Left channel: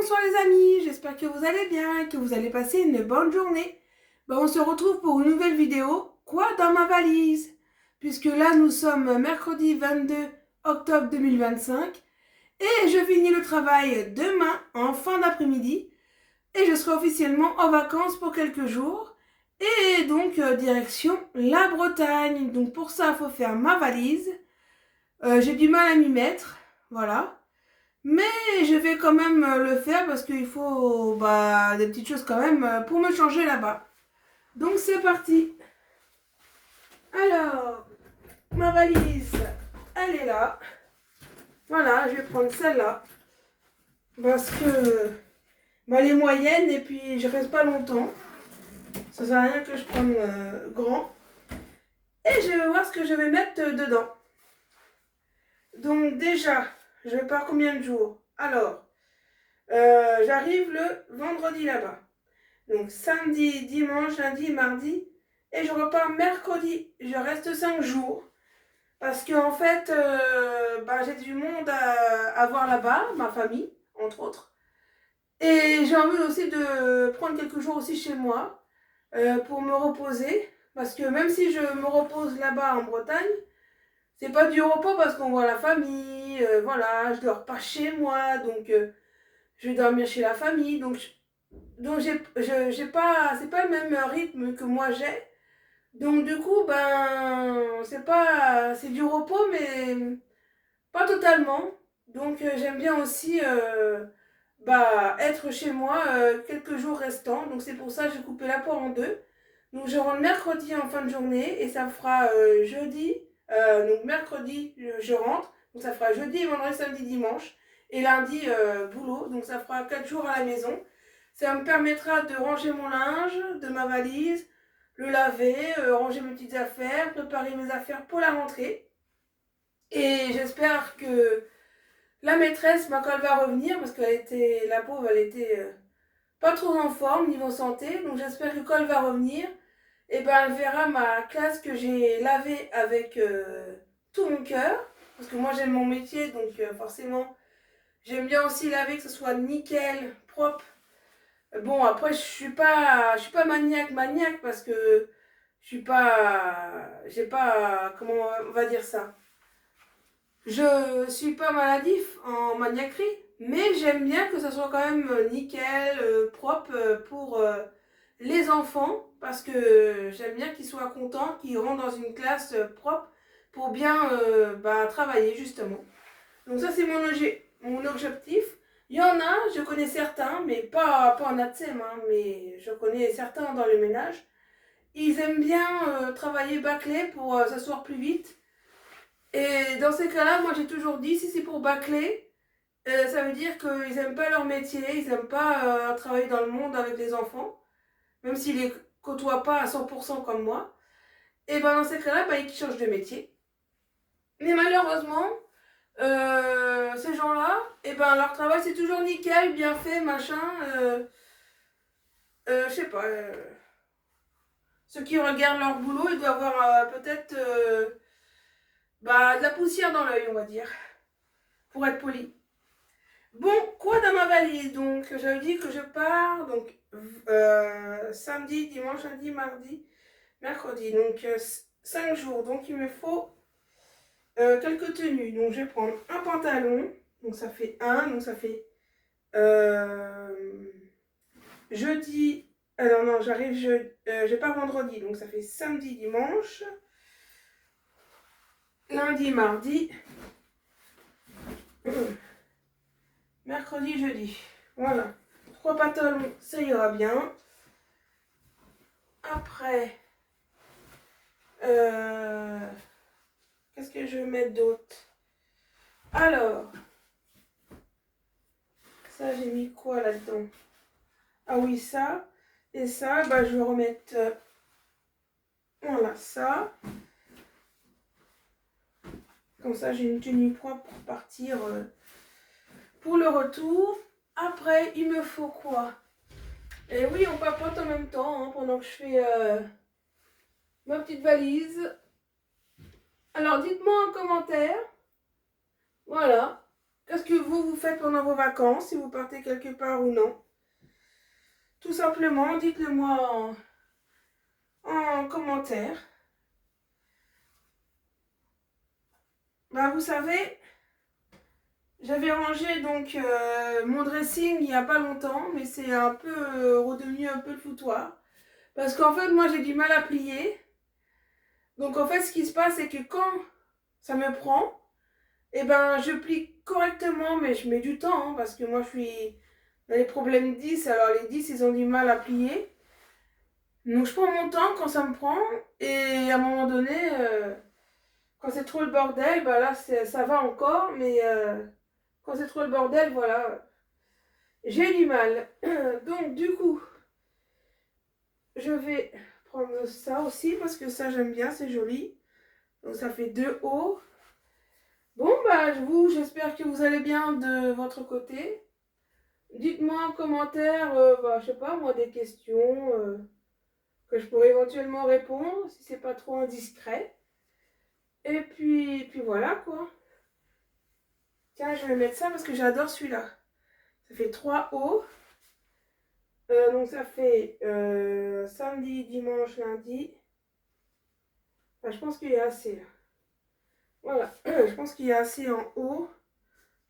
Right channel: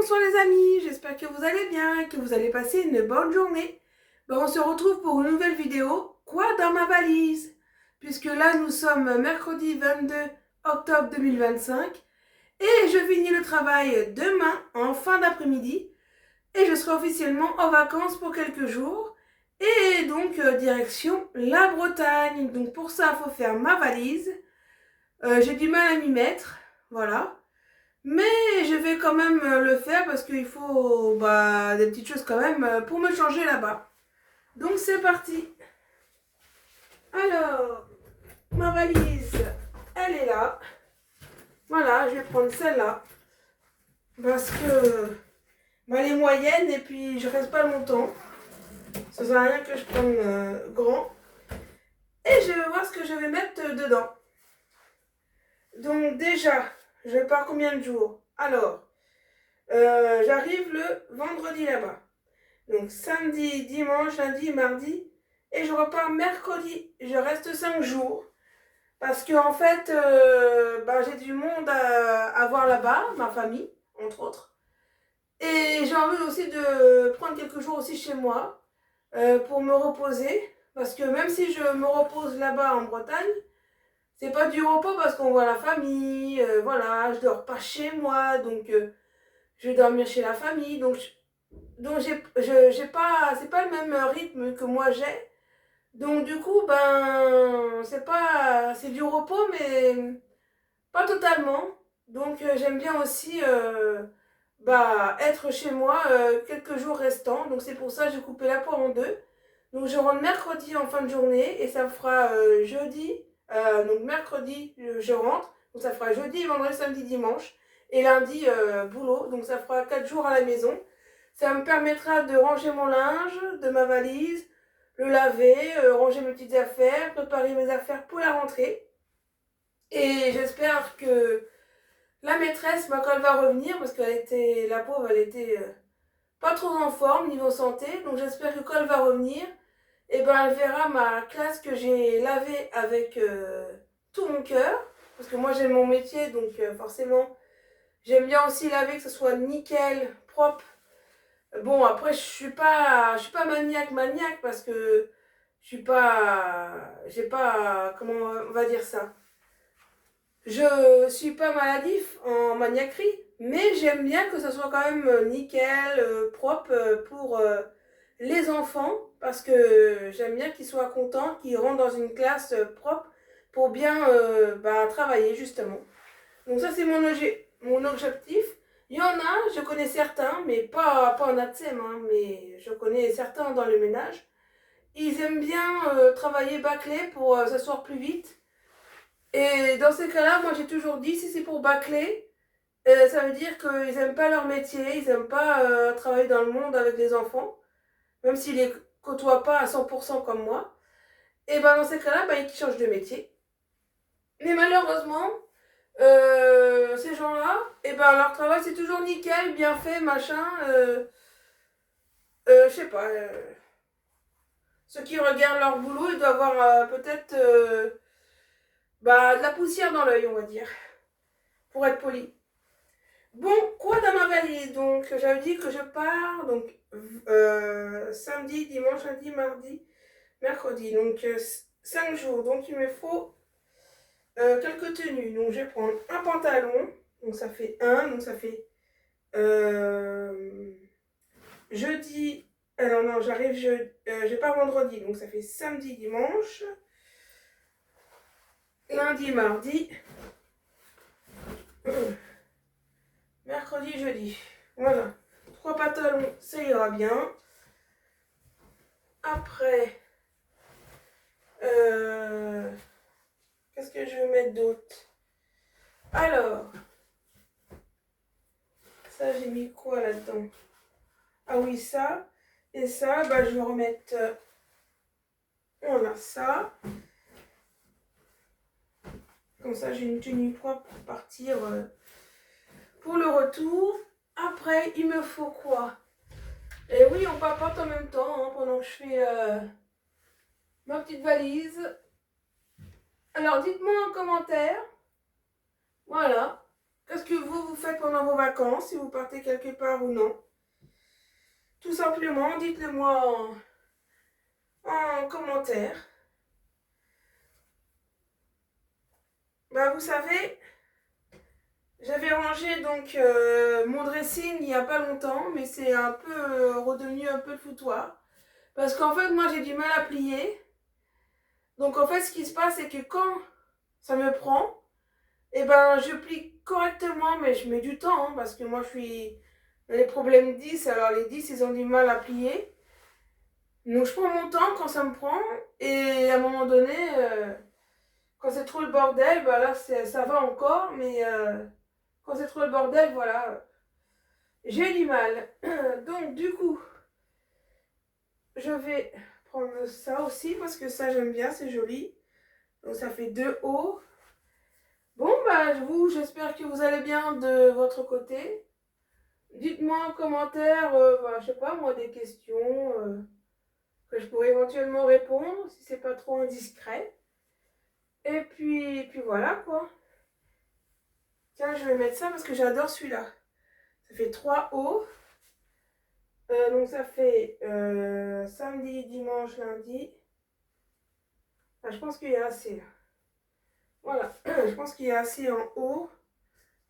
bonsoir les amis, j'espère que vous allez bien et que vous allez passer une bonne journée. On se retrouve pour une nouvelle vidéo, quoi dans ma valise? Puisque là nous sommes mercredi 22 octobre 2025 et je finis le travail demain en fin d'après-midi et je serai officiellement en vacances pour quelques jours et donc direction la Bretagne. Donc pour ça il faut faire ma valise. J'ai du mal à m'y mettre, voilà. Mais je vais quand même le faire parce qu'il faut des petites choses quand même pour me changer là-bas. Donc c'est parti. Alors, ma valise, elle est là. Voilà, je vais prendre celle-là. Parce que elle est moyenne et puis je reste pas longtemps. Ça sert à rien que je prenne grand. Et je vais voir ce que je vais mettre dedans. Donc déjà, je vais voir combien de jours. Alors, j'arrive le vendredi là-bas. Donc samedi, dimanche, lundi, mardi. Et je repars mercredi. Je reste 5 jours. Parce que en fait, j'ai du monde à voir là-bas, ma famille, entre autres. Et j'ai envie aussi de prendre quelques jours aussi chez moi pour me reposer. Parce que même si je me repose là-bas en Bretagne, c'est pas du repos parce qu'on voit la famille, voilà, je dors pas chez moi, donc je vais dormir chez la famille. Donc j'ai pas, c'est pas le même rythme que moi j'ai. Donc du coup, c'est du repos, mais pas totalement. Donc j'aime bien aussi être chez moi quelques jours restants. Donc c'est pour ça que j'ai coupé la poire en deux. Donc je rentre mercredi en fin de journée et ça fera jeudi. Donc mercredi, je rentre. Donc ça fera jeudi, vendredi, samedi, dimanche. Et lundi, boulot. Donc ça fera 4 jours à la maison. Ça me permettra de ranger mon linge, de ma valise, le laver, ranger mes petites affaires, préparer mes affaires pour la rentrée. Et j'espère que la maîtresse, quand elle va revenir, parce qu'elle était, la pauvre, elle était pas trop en forme niveau santé, donc j'espère que quand elle va revenir, elle verra ma classe que j'ai lavée avec tout mon cœur, parce que moi j'aime mon métier, donc forcément j'aime bien aussi laver, que ce soit nickel, propre. Bon, après, je suis pas maniaque parce que je suis pas, j'ai pas, comment on va dire ça? Je suis pas maladif en maniaquerie, mais j'aime bien que ça soit quand même nickel, propre pour les enfants parce que j'aime bien qu'ils soient contents, qu'ils rentrent dans une classe propre pour bien travailler justement. Donc ça, c'est mon objectif. Il y en a, je connais certains, mais pas en ATSEM, hein, mais je connais certains dans le ménage. Ils aiment bien travailler bâclé pour s'asseoir plus vite. Et dans ces cas-là, moi j'ai toujours dit, si c'est pour bâcler, ça veut dire qu'ils n'aiment pas leur métier, ils n'aiment pas travailler dans le monde avec les enfants, même s'ils les côtoient pas à 100% comme moi. Et dans ces cas-là, ils changent de métier. Mais malheureusement, ces gens-là, leur travail c'est toujours nickel, bien fait, machin. Je sais pas. Ceux qui regardent leur boulot, ils doivent avoir peut-être de la poussière dans l'œil, on va dire, pour être poli. Bon, quoi dans ma valise? Donc, j'avais dit que je pars donc samedi, dimanche, lundi, mardi, mercredi. Donc, 5 jours. Donc, il me faut quelques tenues. Donc, je vais prendre un pantalon. Donc, ça fait un. Donc, ça fait jeudi. Alors, non, je pars vendredi. Donc, ça fait samedi, dimanche, lundi, mardi, mercredi, jeudi. Voilà. 3 pantalons, ça ira bien. Après, qu'est-ce que je vais mettre d'autre? Alors, ça j'ai mis quoi là-dedans? Ah oui, ça. Et ça, je vais remettre, voilà, ça. Comme ça, j'ai une tenue propre pour partir pour le retour. Après, il me faut quoi? Et oui, on papote en même temps hein, pendant que je fais ma petite valise. Alors, dites-moi en commentaire, voilà, qu'est-ce que vous faites pendant vos vacances, si vous partez quelque part ou non. Tout simplement, dites-le moi en commentaire. Bah, vous savez, j'avais rangé donc mon dressing il n'y a pas longtemps, mais c'est un peu redevenu un peu le foutoir. Parce qu'en fait, moi, j'ai du mal à plier. Donc, en fait, ce qui se passe, c'est que quand ça me prend, et ben, je plie correctement, mais je mets du temps, hein, parce que moi, je suis dans les problèmes 10, alors les 10, ils ont du mal à plier. Donc, je prends mon temps quand ça me prend, et à un moment donné, quand c'est trop le bordel, bah là, ça va encore, mais quand c'est trop le bordel, voilà, j'ai du mal. Donc, du coup, je vais prendre ça aussi, parce que ça, j'aime bien, c'est joli. Donc, ça fait 2 hauts. Bon, bah, j'espère que vous allez bien de votre côté. Dites-moi en commentaire, bah, je sais pas, moi, des questions que je pourrais éventuellement répondre, si c'est pas trop indiscret. Et puis voilà, quoi. Tiens, je vais mettre ça parce que j'adore celui-là. Ça fait 3 hauts. Donc ça fait samedi, dimanche, lundi. Enfin, je pense qu'il y a assez là. Voilà, je pense qu'il y a assez en haut.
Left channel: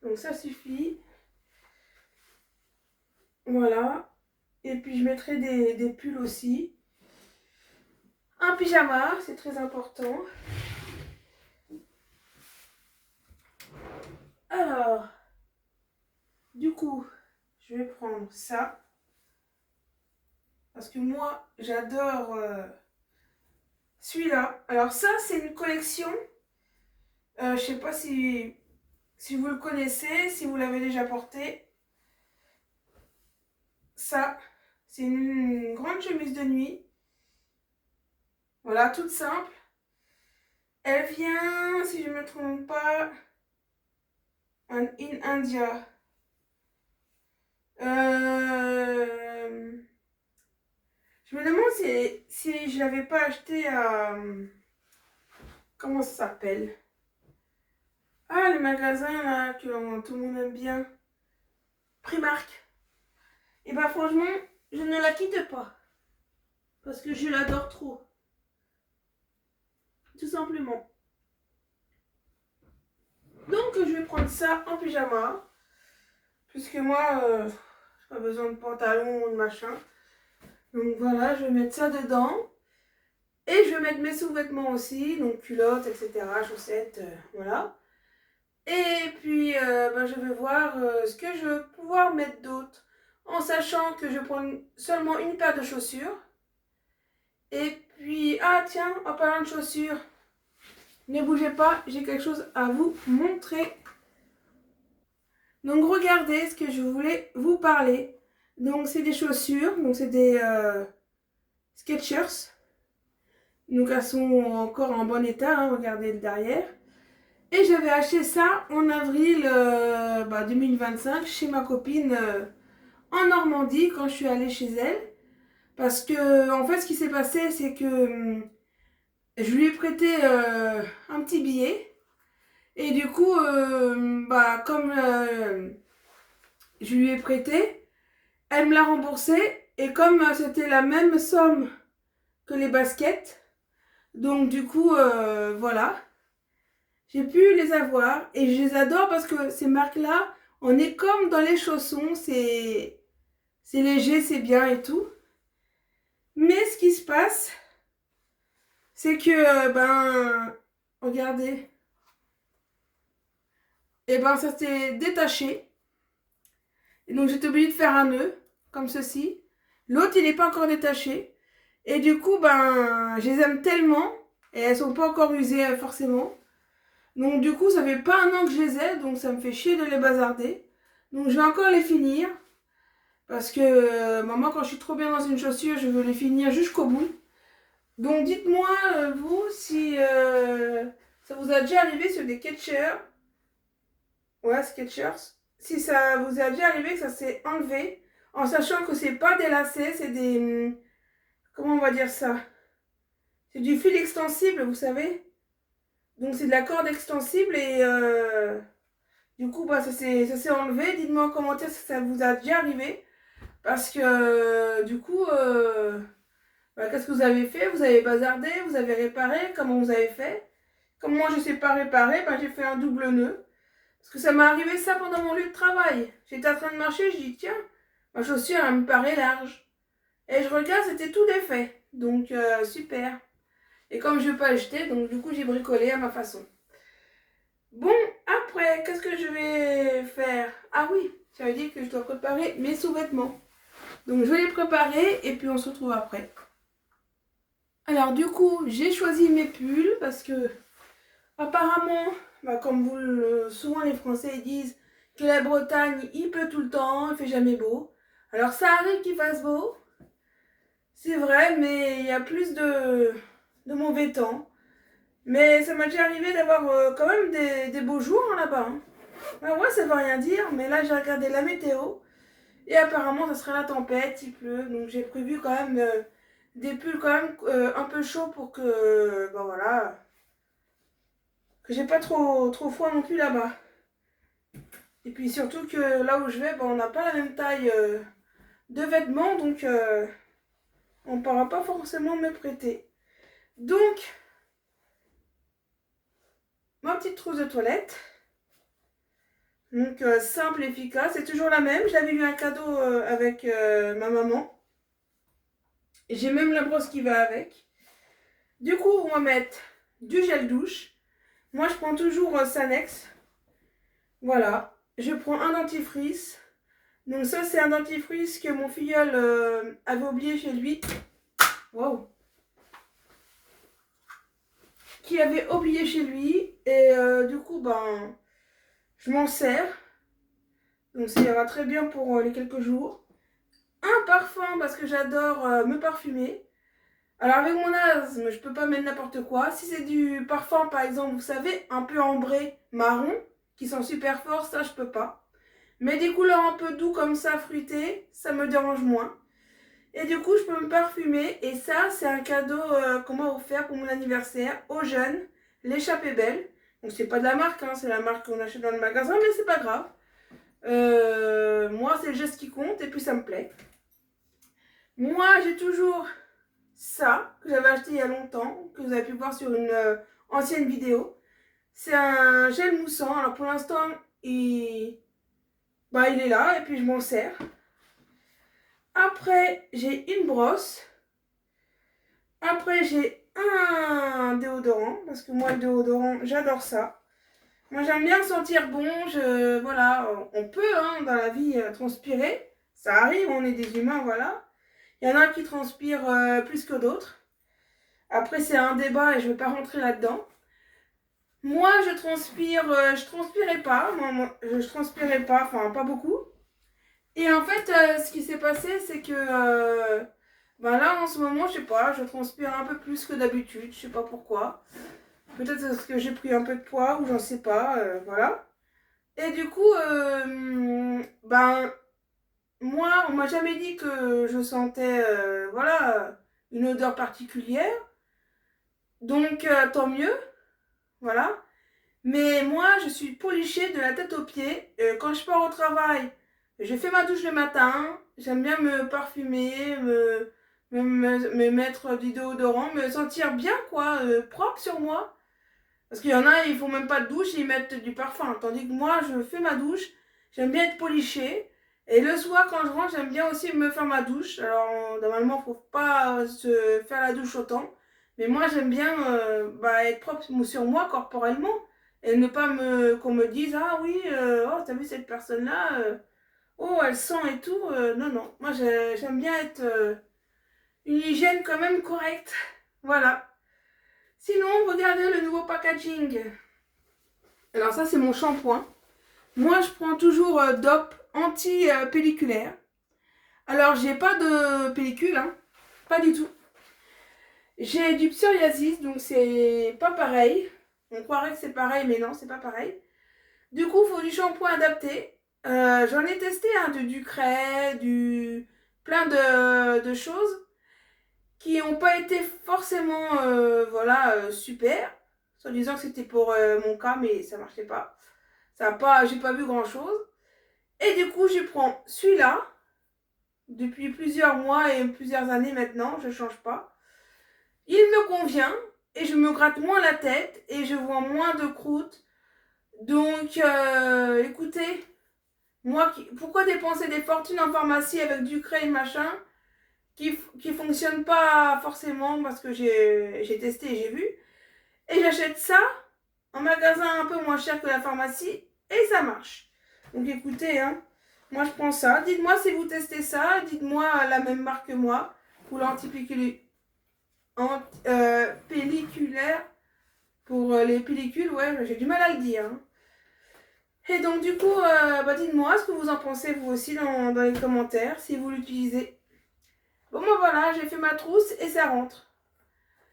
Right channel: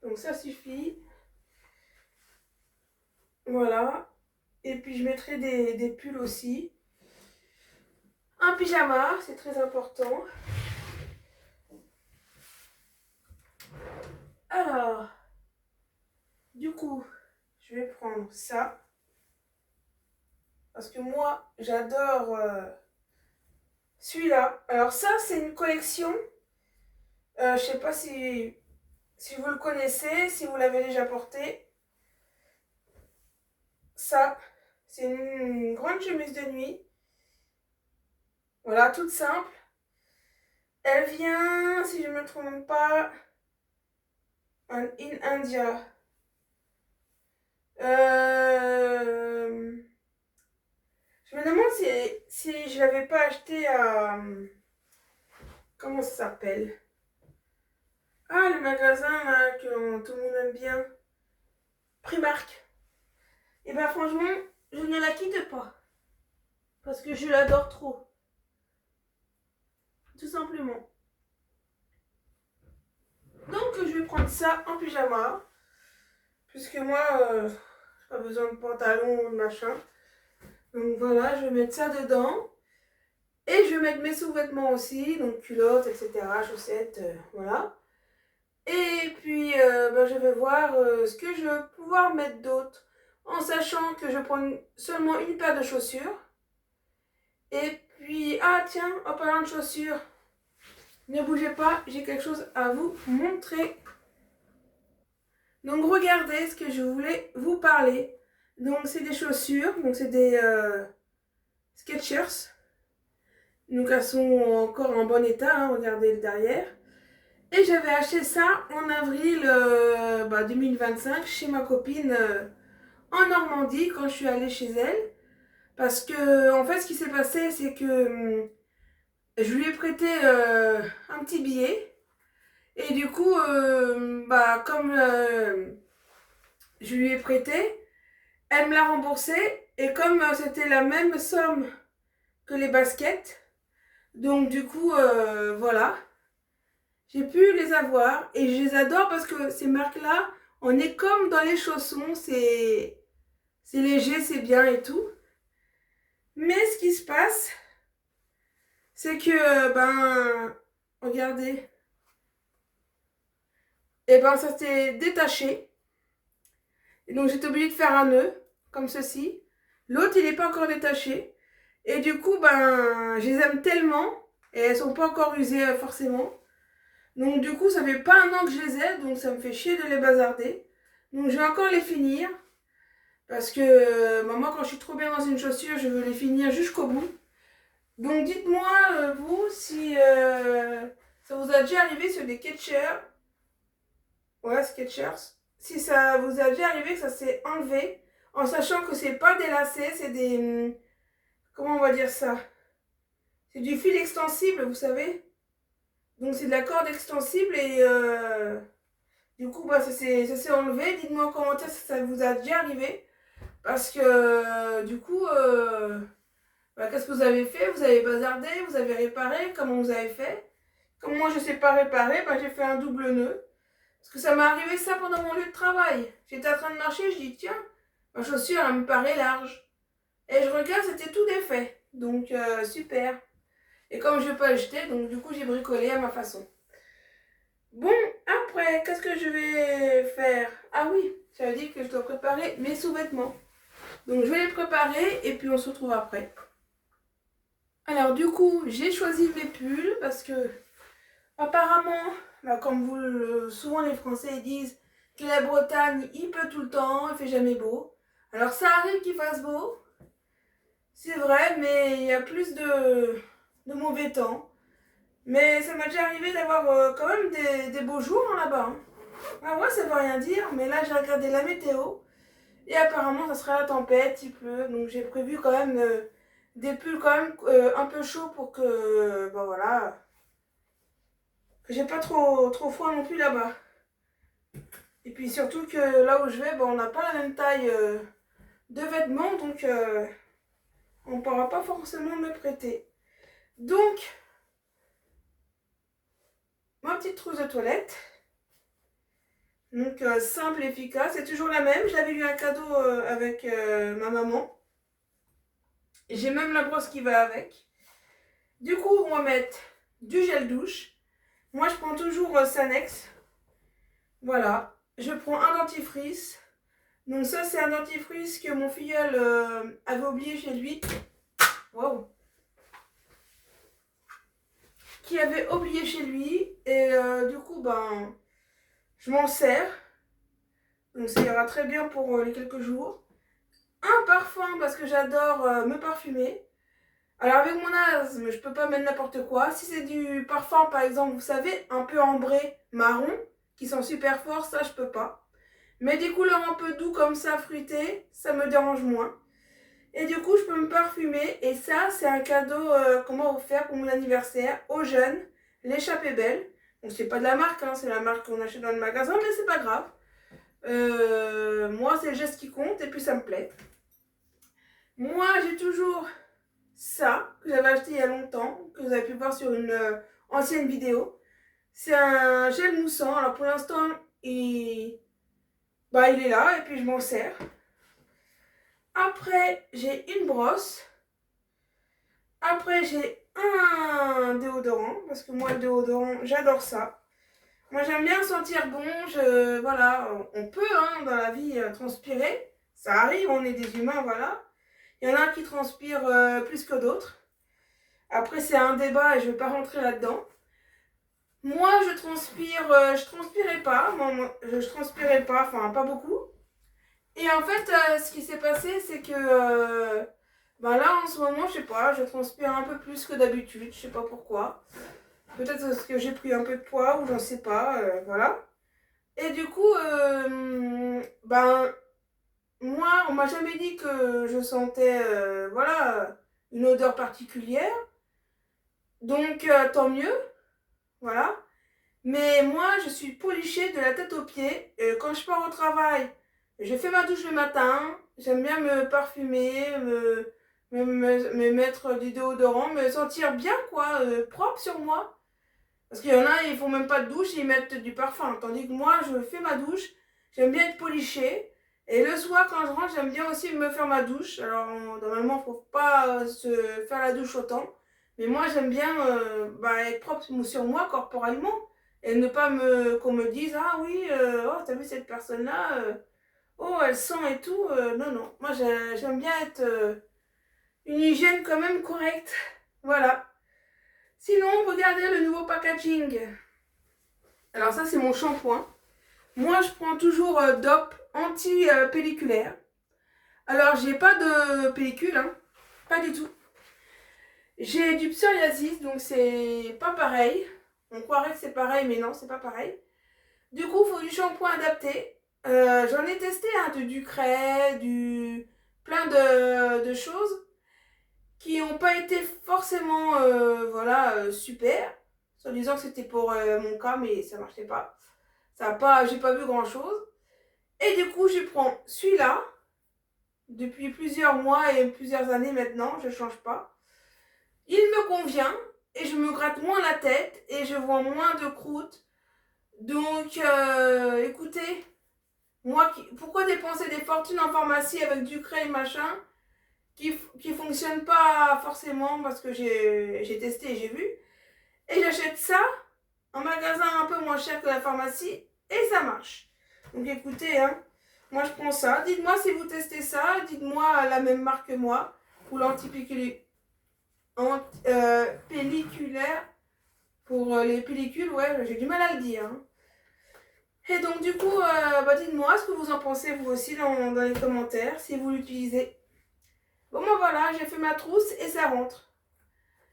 Donc ça suffit. Voilà. Et puis je mettrai des pulls aussi. Un pyjama, c'est très important. Alors, du coup, je vais prendre ça. Parce que moi, j'adore celui-là. Alors ça, c'est une collection. Je sais pas si vous le connaissez, si vous l'avez déjà porté. Ça, c'est une grande chemise de nuit. Voilà, toute simple. Elle vient, si je ne me trompe pas, in India. Je me demande si je ne l'avais pas acheté à... Comment ça s'appelle? Ah, le magasin là, que tout le monde aime bien. Primark. Et bah franchement, je ne la quitte pas. Parce que je l'adore trop. Tout simplement. Donc je vais prendre ça en pyjama. Puisque moi, j'ai pas besoin de pantalon ou de machin. Donc voilà, je vais mettre ça dedans. Et je vais mettre mes sous-vêtements aussi. Donc culottes, etc. Chaussettes, voilà. Et puis bah, je vais voir ce que je vais pouvoir mettre d'autre. En sachant que je prends seulement une paire de chaussures. Et puis, ah tiens, en parlant de chaussures, ne bougez pas, j'ai quelque chose à vous montrer. Donc regardez ce que je voulais vous parler. Donc c'est des chaussures, donc c'est des Skechers. Donc elles sont encore en bon état, hein, regardez le derrière. Et j'avais acheté ça en avril 2025 chez ma copine en Normandie quand je suis allée chez elle. Parce que en fait ce qui s'est passé c'est que je lui ai prêté un petit billet. Et du coup, comme je lui ai prêté, elle me l'a remboursé. Et comme c'était la même somme que les baskets, donc du coup, voilà, j'ai pu les avoir. Et je les adore parce que ces marques-là, on est comme dans les chaussons, c'est léger, c'est bien et tout. Mais ce qui se passe, c'est que, regardez, et ça s'est détaché. Et donc j'étais obligée de faire un nœud, comme ceci. L'autre, il n'est pas encore détaché. Et du coup, je les aime tellement. Et elles sont pas encore usées forcément. Donc du coup, ça fait pas un an que je les ai. Donc ça me fait chier de les bazarder. Donc je vais encore les finir. Parce que moi, quand je suis trop bien dans une chaussure, je veux les finir jusqu'au bout. Donc dites-moi, vous, si ça vous a déjà arrivé sur des Skechers. Ouais, Skechers. Si ça vous a déjà arrivé que ça s'est enlevé, en sachant que c'est pas des lacets, c'est des... Comment on va dire ça? C'est du fil extensible, vous savez. Donc c'est de la corde extensible et Du coup, bah, ça s'est enlevé. Dites-moi en commentaire si ça vous a déjà arrivé. Parce que du coup, bah, qu'est-ce que vous avez fait? Vous avez bazardé, vous avez réparé, comment vous avez fait? Comme moi je ne sais pas réparer, bah, j'ai fait un double nœud. Parce que ça m'est arrivé ça pendant mon lieu de travail. J'étais en train de marcher, je dis tiens, ma chaussure elle me paraît large. Et je regarde, c'était tout défait. Donc super. Et comme je ne veux pas acheter, donc du coup j'ai bricolé à ma façon. Bon, après, qu'est-ce que je vais faire? Ah oui, j'avais dit que je dois préparer mes sous-vêtements. Donc je vais les préparer et puis on se retrouve après. Alors du coup, j'ai choisi mes pulls parce que apparemment, bah, comme souvent les Français disent que la Bretagne, il pleut tout le temps, il fait jamais beau. Alors ça arrive qu'il fasse beau, c'est vrai, mais il y a plus de mauvais temps. Mais ça m'a déjà arrivé d'avoir quand même des beaux jours là-bas. Hein. Ah ouais, ça veut rien dire, mais là j'ai regardé la météo et apparemment ça sera la tempête, il pleut, donc j'ai prévu quand même des pulls quand même un peu chauds pour que, ben voilà, que j'ai pas trop froid non plus là-bas. Et puis surtout que là où je vais, ben, on n'a pas la même taille de vêtements, donc on ne pourra pas forcément me prêter. Donc, ma petite trousse de toilette. Donc simple, efficace, c'est toujours la même. Je l'avais eu un cadeau avec ma maman. J'ai même la brosse qui va avec. Du coup, on va mettre du gel douche. Moi, je prends toujours Sanex. Voilà. Je prends un dentifrice. Donc ça, c'est un dentifrice que mon filleul avait oublié chez lui. Waouh. Qui avait oublié chez lui. Et du coup, ben, je m'en sers. Donc ça ira très bien pour les quelques jours. Un parfum parce que j'adore me parfumer. Alors avec mon asthme, je peux pas mettre n'importe quoi. Si c'est du parfum par exemple, vous savez, un peu ambré, marron, qui sont super forts, ça je peux pas. Mais des couleurs un peu doux comme ça, fruitées, ça me dérange moins. Et du coup, je peux me parfumer. Et ça, c'est un cadeau qu'on m'a offert pour mon anniversaire aux jeunes, l'échappée belle. Donc c'est pas de la marque, hein, c'est la marque qu'on achète dans le magasin, mais c'est pas grave. Moi, c'est le geste qui compte et puis ça me plaît. Moi, j'ai toujours ça que j'avais acheté il y a longtemps, que vous avez pu voir sur une ancienne vidéo. C'est un gel moussant. Alors pour l'instant, il est là et puis je m'en sers. Après, j'ai une brosse. Après, j'ai un déodorant parce que moi, le déodorant, j'adore ça. Moi, j'aime bien sentir bon. Voilà, on peut hein, dans la vie transpirer. Ça arrive, on est des humains, voilà. Il y en a qui transpirent plus que d'autres. Après, c'est un débat et je ne vais pas rentrer là-dedans. Moi, je transpirais pas. Je transpirais pas, enfin, pas beaucoup. Et en fait, ce qui s'est passé, c'est que ben là, en ce moment, je sais pas, je transpire un peu plus que d'habitude. Je sais pas pourquoi. Peut-être parce que j'ai pris un peu de poids ou j'en sais pas, voilà. Et du coup, ben, moi, on m'a jamais dit que je sentais, voilà, une odeur particulière. Donc, tant mieux, voilà. Mais moi, je suis polichée de la tête aux pieds. Quand je pars au travail, je fais ma douche le matin. J'aime bien me parfumer, me mettre du déodorant, me sentir bien, quoi, propre sur moi. Parce qu'il y en a, ils font même pas de douche, ils mettent du parfum. Tandis que moi, je fais ma douche. J'aime bien être polichée. Et le soir, quand je rentre, j'aime bien aussi me faire ma douche. Alors, normalement, il ne faut pas se faire la douche autant. Mais moi, j'aime bien être propre sur moi corporellement. Et ne pas qu'on me dise, ah oui, oh, t'as vu cette personne-là, oh, elle sent et tout. Non, non. Moi, j'aime bien être une hygiène quand même correcte. Voilà. Sinon, regardez le nouveau packaging. Alors ça, c'est mon shampoing. Moi, je prends toujours DOP anti-pelliculaire. Alors, j'ai pas de pellicule, hein. Pas du tout. J'ai du psoriasis, donc c'est pas pareil. On croirait que c'est pareil, mais non, c'est pas pareil. Du coup, il faut du shampoing adapté. J'en ai testé hein, du Cray, plein de choses qui n'ont pas été forcément super. Soit disant que c'était pour mon cas, mais ça marchait pas. j'ai pas vu grand chose. Et du coup, je prends celui-là. Depuis plusieurs mois et plusieurs années maintenant, je ne change pas. Il me convient et je me gratte moins la tête et je vois moins de croûtes. Donc, écoutez, pourquoi dépenser des fortunes en pharmacie avec du craie et machin qui fonctionne pas forcément parce que j'ai testé et j'ai vu. Et j'achète ça en magasin un peu moins cher que la pharmacie et ça marche. Donc écoutez, hein, moi je prends ça. Dites-moi si vous testez ça, dites-moi la même marque que moi ou l'antipelliculaire pour les pellicules, ouais, j'ai du mal à le dire. Hein. Et donc du coup, dites-moi ce que vous en pensez vous aussi dans les commentaires si vous l'utilisez. Bon ben voilà, j'ai fait ma trousse et ça rentre.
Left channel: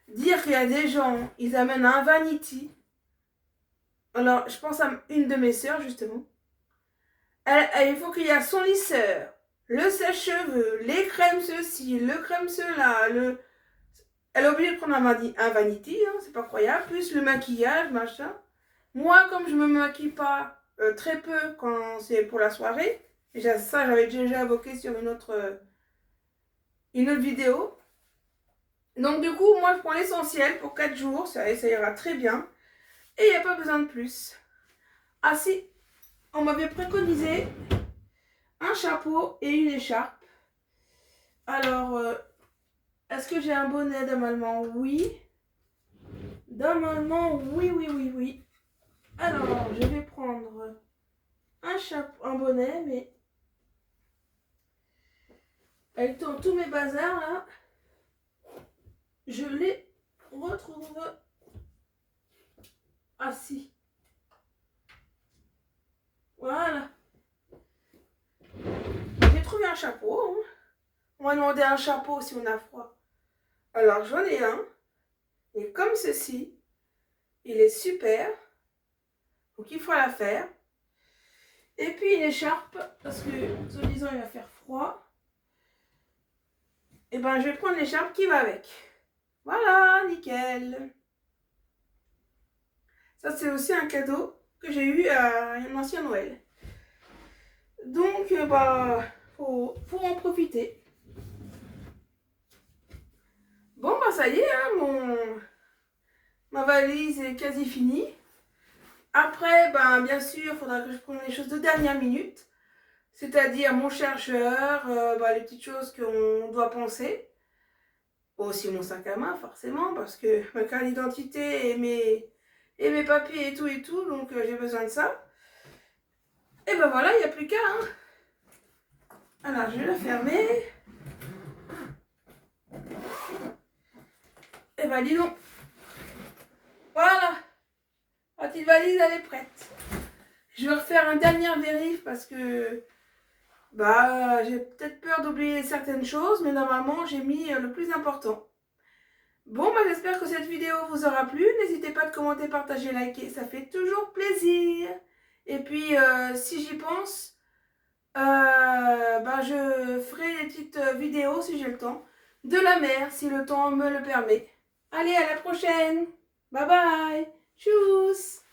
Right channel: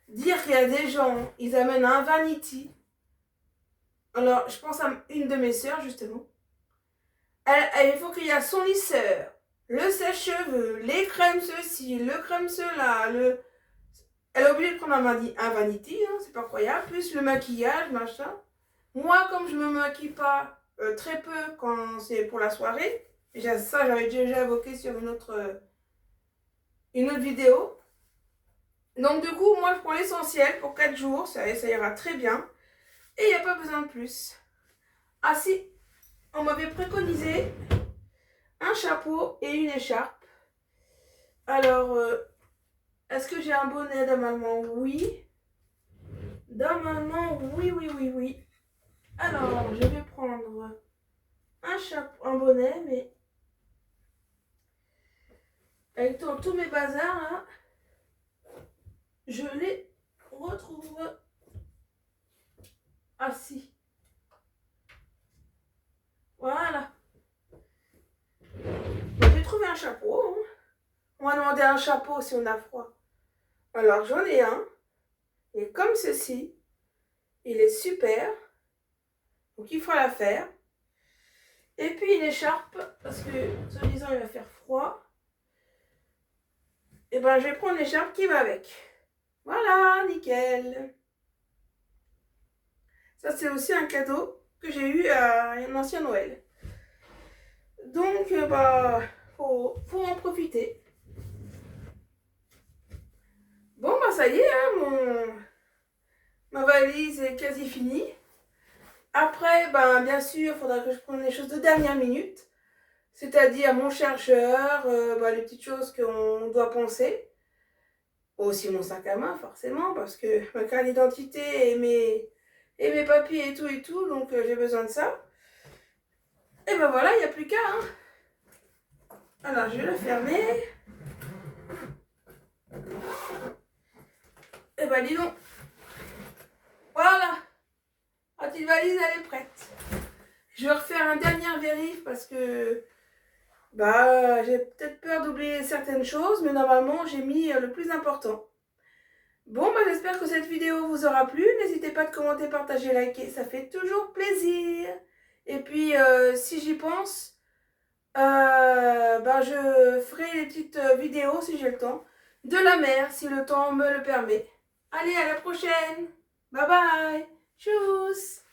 Dire qu'il y a des gens, ils amènent un vanity. Alors, je pense à une de mes sœurs, justement. Il faut qu'il y ait son lisseur, le sèche-cheveux, les crèmes ceci, le crème cela, Elle est obligée de prendre un vanity, hein, c'est pas croyable, plus le maquillage, machin. Moi, comme je me maquille pas très peu quand c'est pour la soirée, déjà ça, j'avais déjà évoqué sur une autre vidéo. Donc du coup, moi je prends l'essentiel pour 4 jours, ça ira très bien. Et il n'y a pas besoin de plus. Ah si, on m'avait préconisé un chapeau et une écharpe. Alors, est-ce que j'ai un bonnet normalement? Oui. Normalement, oui. Alors, je vais prendre un chapeau, un bonnet, mais avec tous mes bazars là, je les retrouve. Ah si. Voilà. J'ai trouvé un chapeau. Hein. On m'a demandé un chapeau si on a froid. Alors j'en ai un. Il est comme ceci. Il est super. Donc il faut la faire. Et puis une écharpe, parce que soi-disant il va faire froid. Et ben je vais prendre l'écharpe qui va avec. Voilà, nickel. Ça c'est aussi un cadeau que j'ai eu à un ancien Noël. Donc faut en profiter. Bon ça y est, hein, ma valise est quasi finie. Après, bien sûr, il faudra que je prenne les choses de dernière minute. C'est-à-dire mon chercheur, les petites choses qu'on doit penser. Aussi mon sac à main, forcément, parce que ma carte d'identité et mes papiers et tout, donc j'ai besoin de ça. Et ben voilà, il n'y a plus qu'à. Hein. Alors, je vais le fermer. Et ben dis donc. Voilà. La petite valise, elle est prête. Je vais refaire un dernier vérif parce que j'ai peut-être peur d'oublier certaines choses, mais normalement, j'ai mis le plus important. Bon, j'espère que cette vidéo vous aura plu. N'hésitez pas à commenter, partager, liker, ça fait toujours plaisir. Et puis, si j'y pense, je ferai des petites vidéos, si j'ai le temps, de la mer, si le temps me le permet. Allez, à la prochaine. Bye bye. Tchuss.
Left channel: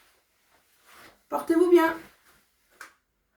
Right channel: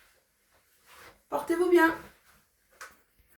Portez-vous bien.